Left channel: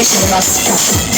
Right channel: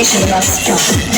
DJ Shrivastava.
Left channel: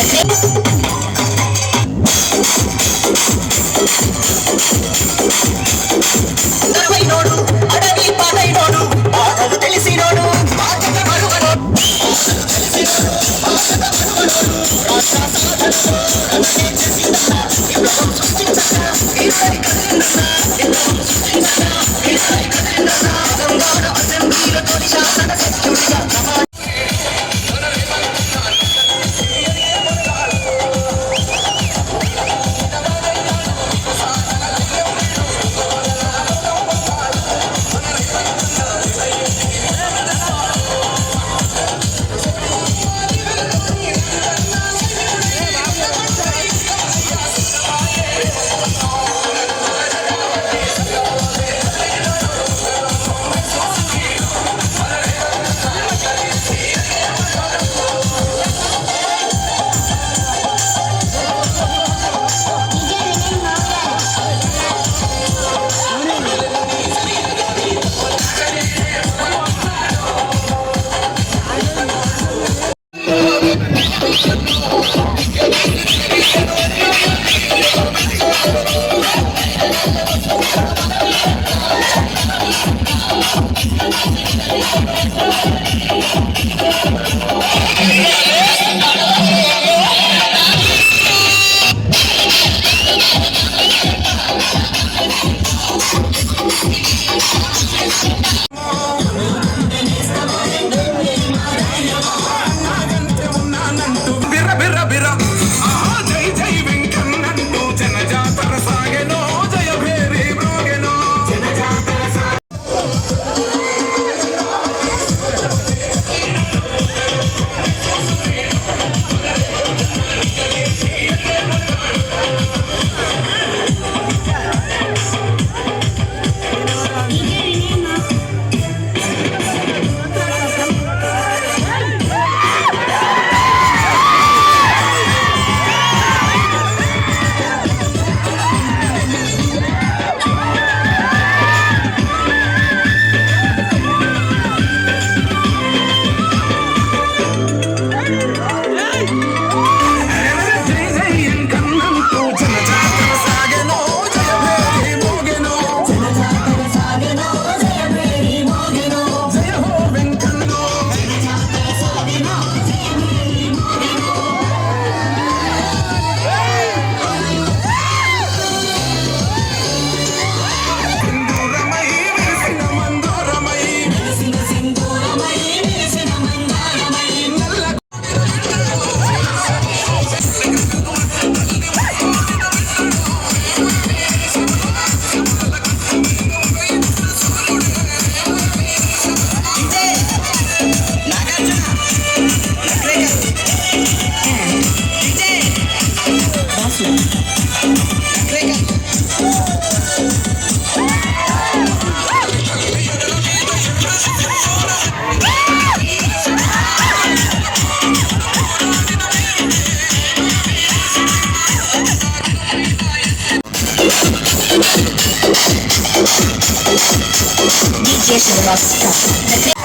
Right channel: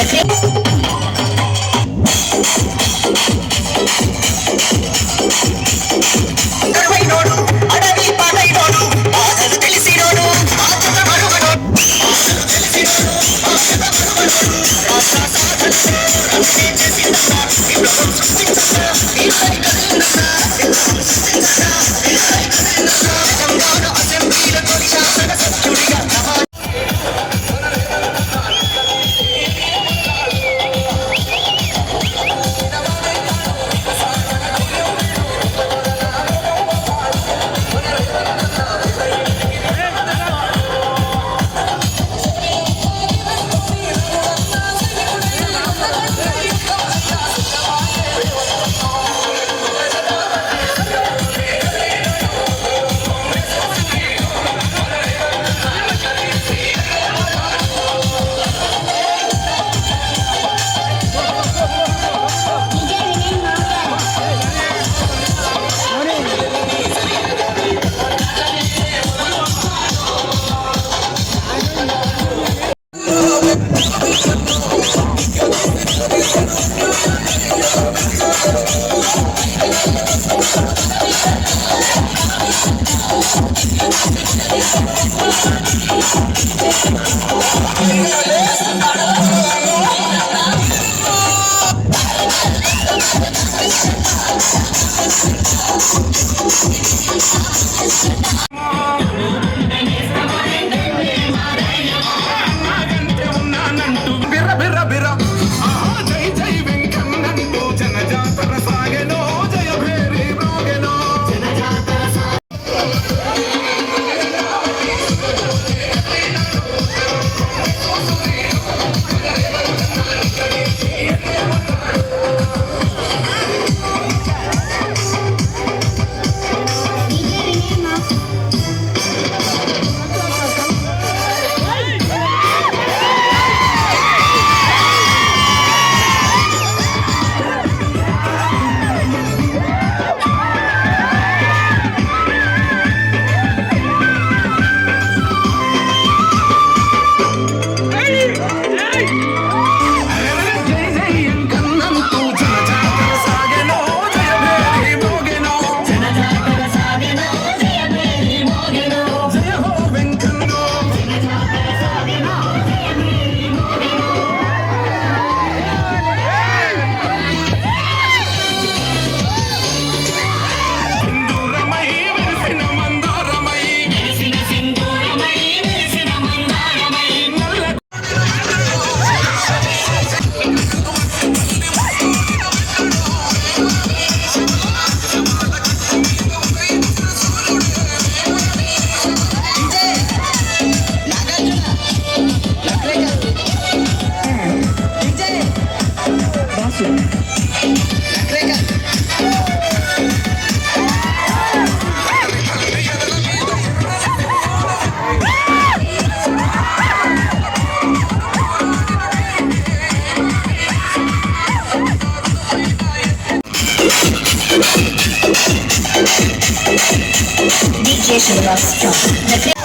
DJ Shrivastava.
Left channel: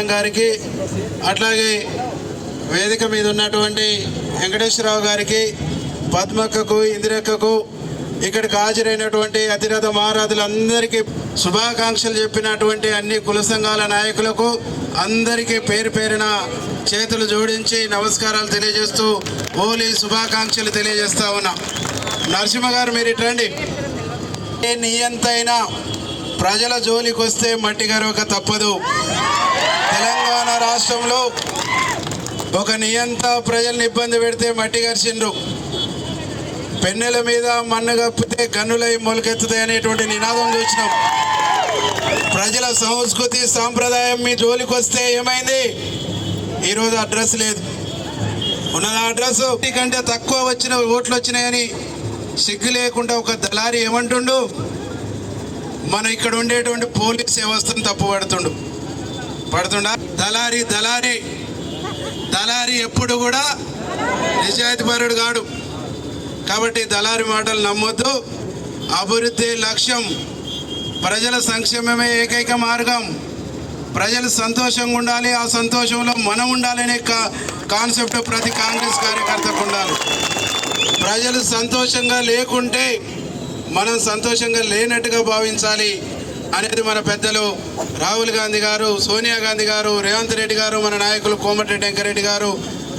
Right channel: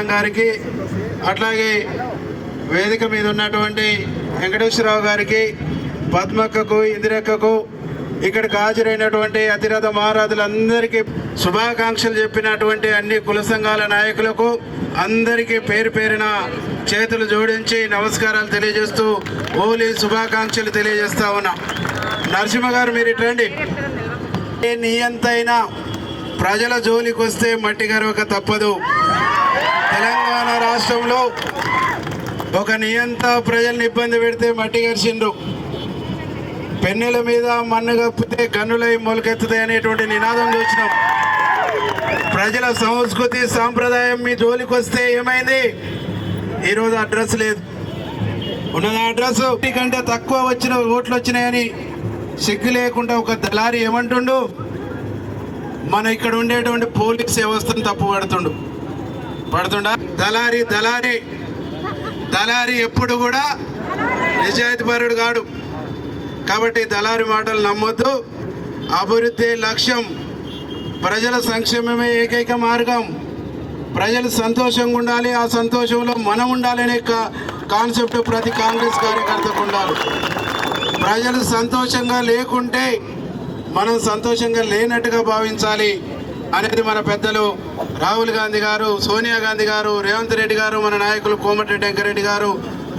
Janardhan గారికి, అట్లాగే వేదిక మీద ఉన్నటువంటి వెంకటేశ్వరరావు గారికి, పద్మక్కకు, ఇందిరక్కకు, ఇక్కడికి హాజరైనటువంటి అతిరథ మహారాజులందరికీ శుభాకాంక్షలు చెప్పినటువంటి అన్ని కుల సంఘాల నాయకులకు అందరికీ పేరు పేరున చేతులు జోడించి నమస్కారాలు తెలియజేస్తూ హోలీ శుభాకాంక్షలు తెలియజేస్తా ఉన్నా. నరసింహ గారు మీరు ఇట్రండి. నియంతైనా ప్రజల జోలికి వస్తే మట్టి గరవక తప్పదు. తెలంగాణ రాష్ట్రంలో ఒక నియంత ప్రజల్ని ఇబ్బంది పెడితే మట్టి గరిచిండ్రు. పెన్నెల మీద మన్ను కప్పితే గన్నులై మొలకెత్తుతాయి అనేటువంటి నినాదం చూసినాం. ప్రజల సంస్కృతి సాంప్రదాయం మీ జోలికి వస్తే ఏమైంది? ఈరోజు అడ్రస్ లేదు. ఉన్నది అడ్రస్ కంటే తక్కువ వచ్చిన ఓట్లు వచ్చినాయని సిగ్గు లేకుండా ఒక దళారి ఏమంటుండు, మన ఇక్కడ ఉండేటువంటి పోలీస్ వ్యవస్థను తప్పు పడుతుండా. దళారి ఎప్పుడు కూడా నిజాయితీపరుడు కాడు. కాబట్టి దళారి మాటలు నమ్మొద్దు. అభివృద్ధి లక్ష్యం, ప్రజల సంక్షేమమే ఏకైక మార్గం. ప్రజలు సంతోషంగా ఉండాలి, ఆ సంతోషంలో మనం ఉండాలనే కాన్సెప్ట్ ప్రతి కాంగ్రెస్ కార్యకర్తకు ఉండాలి. ప్రజలు సంతోషంగా లేకుంటే మనం సంతోషంగా లేనట్టుగా భావించాలి అనేది మన పెద్దలు రాహుల్ గాంధీ గారు, సోనియా గాంధీ గారు, రేవంత్ రెడ్డి గారు, మన నాయకులు కోమటిరెడ్డి వెంకరెడ్డి గారు,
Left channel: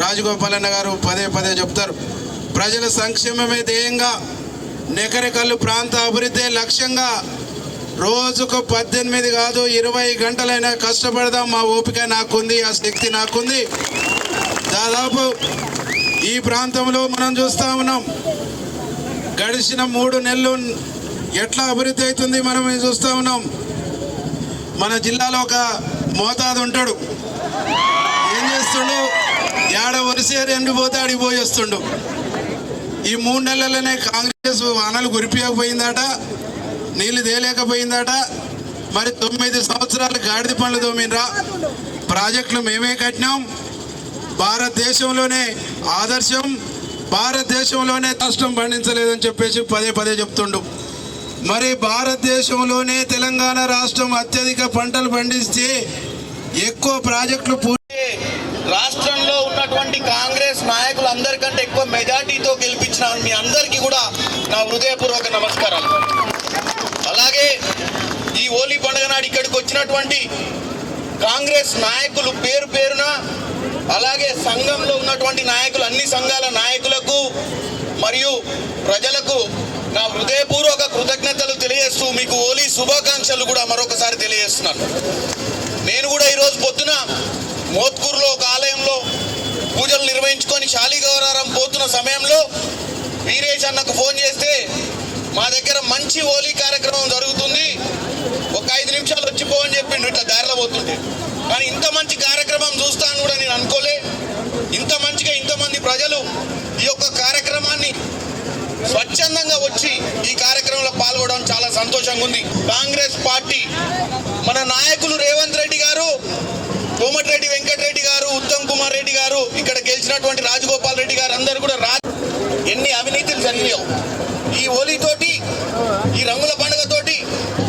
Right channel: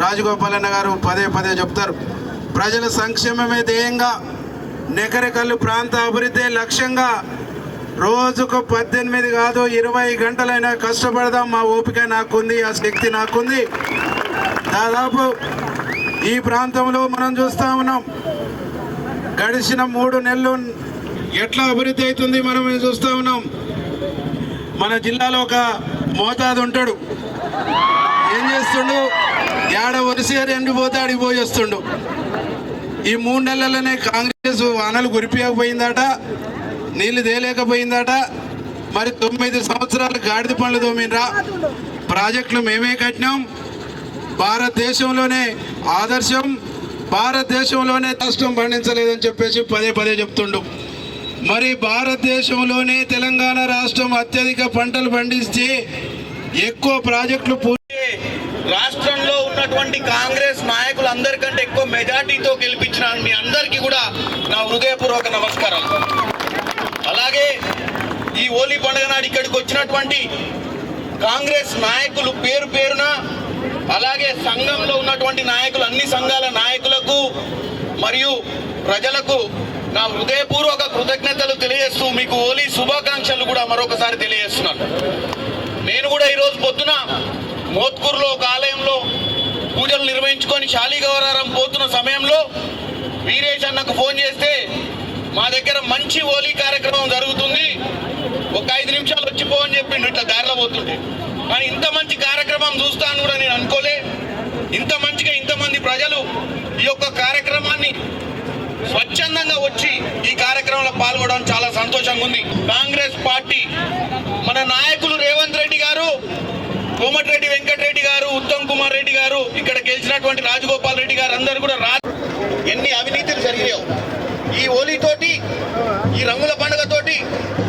రాజగోపాలన్న గారు పదే పదే చెప్తారు. ప్రజల సంక్షేమమే ధ్యేయంగా, నెకరెకల్లు ప్రాంత అభివృద్ధి లక్ష్యంగా రోజుకు 18 కాదు 20 గంటలైనా కష్టపడదాం. మా ఓపిక నాకుంది, ఆ శక్తి నాకుంది. దాదాపు ఈ ప్రాంతంలో మనం చూస్తూ ఉన్నాం, గడిచిన 3 నెలలు ఎట్లా అభివృద్ధి అవుతుంది మనం చూస్తూ ఉన్నాం. మన జిల్లాలో ఒక మోతాదు ఉంటాడు, ఏం చేస్తుండు, ఏడ వరిసేరు ఎండిపోతే అడిగి పోయి వస్తుండు. ఈ 3 నెలలనే కాంగ్రెస్ వానలు కురిపియకపోయిందట, నీళ్లు తేలేకపోయిందట. మరి 9 సంవత్సరాలు గాడిద పనులు తోమినరా, ప్రాజెక్టులు మేమే కట్టినాం, భారతదేశంలోనే ఆదర్శం, భారతదేశంలోనే నష్టం పండించలేదని చెప్పేసి పదే పదే చెప్తుండు. మరి భారతదేశంలోనే తెలంగాణ రాష్ట్రం అత్యధిక పంటలు పండిస్తే ఎక్కువ ప్రాజెక్టులు రాష్ట్రంలో ఉన్నటువంటి కాంగ్రెస్ నాయకులందరికంటే ఎక్కువ మెజార్టీతో గెలిపించిన మీ అందరికీ కూడా నా హృదయపూర్వక నమస్కారాలు. అలాగే ఈ హోలీ పండుగ నాడు ఇక్కడికి వచ్చినటువంటి కాంగ్రెస్ నాయకులు పేరు పేరున, అలాగే సంఘంలో ఉన్నటువంటి నాయకులు, అన్ని సంఘాల నాయకులకు మరియు ప్రజలకు నా హృదయపూర్వక కృతజ్ఞతలు తెలియజేస్తూ మీకు హోలీ శుభాకాంక్షలు కూడా మరొకసారి తెలియజేస్తున్నాను. నేను కూడా ఈరోజు పొద్దున మోత్కూరులో ఒక ఆలయంలో పూజలు నిర్వహించుకొని శాలిగౌరారం పోతున్న సమయంలో వీరేష్ అన్నకు ఫోన్ చేస్తే మా దగ్గర మంచి హోలీ కార్యక్రమం జరుగుతుంది, ఒక 5 నిమిషాలు వచ్చిపో అని చెప్పిండు. ఇట్లా దారిలో పోతుంటే, కానీ ఇంత మంచి కార్యక్రమం చూస్తాను కూడా నేను అనుకోలే. ఇంత మంచిగా ఇంతమంది ప్రజలు ఈ యొక్క కార్యక్రమాన్ని స్వచ్ఛందంగా వచ్చి ఈ కార్యక్రమంలో పాల్గొనడం చాలా సంతోషంగా ఉంది. కాంగ్రెస్ పార్టీ మన నాయకులు రేవంత్ రెడ్డి గారు, కోమటిరెడ్డి వెంకటరెడ్డి గారు, ఉత్తమ్ కుమార్ రెడ్డి గారు, ఇక్కడ గెలిచినటువంటి రాజగోపాల్ రెడ్డి గారు అందరూ కూడా ఎన్ని అవినీతులు జరిగినాయో ఈ హోలీతోటి, ఈ రంగుల పండుగతోటి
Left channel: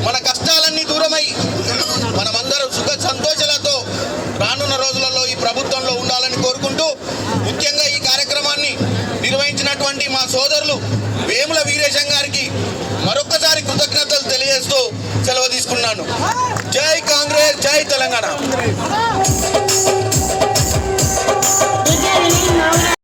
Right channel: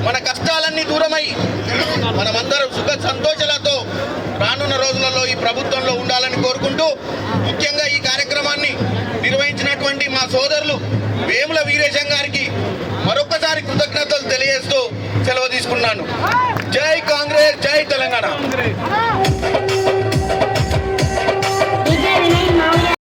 మన కష్టాలన్నీ దూరమై మనమందరం సుఖ సంతోషాలతో రానున్న రోజులలో ఈ ప్రభుత్వంలో ఉండాలని కోరుకుంటూ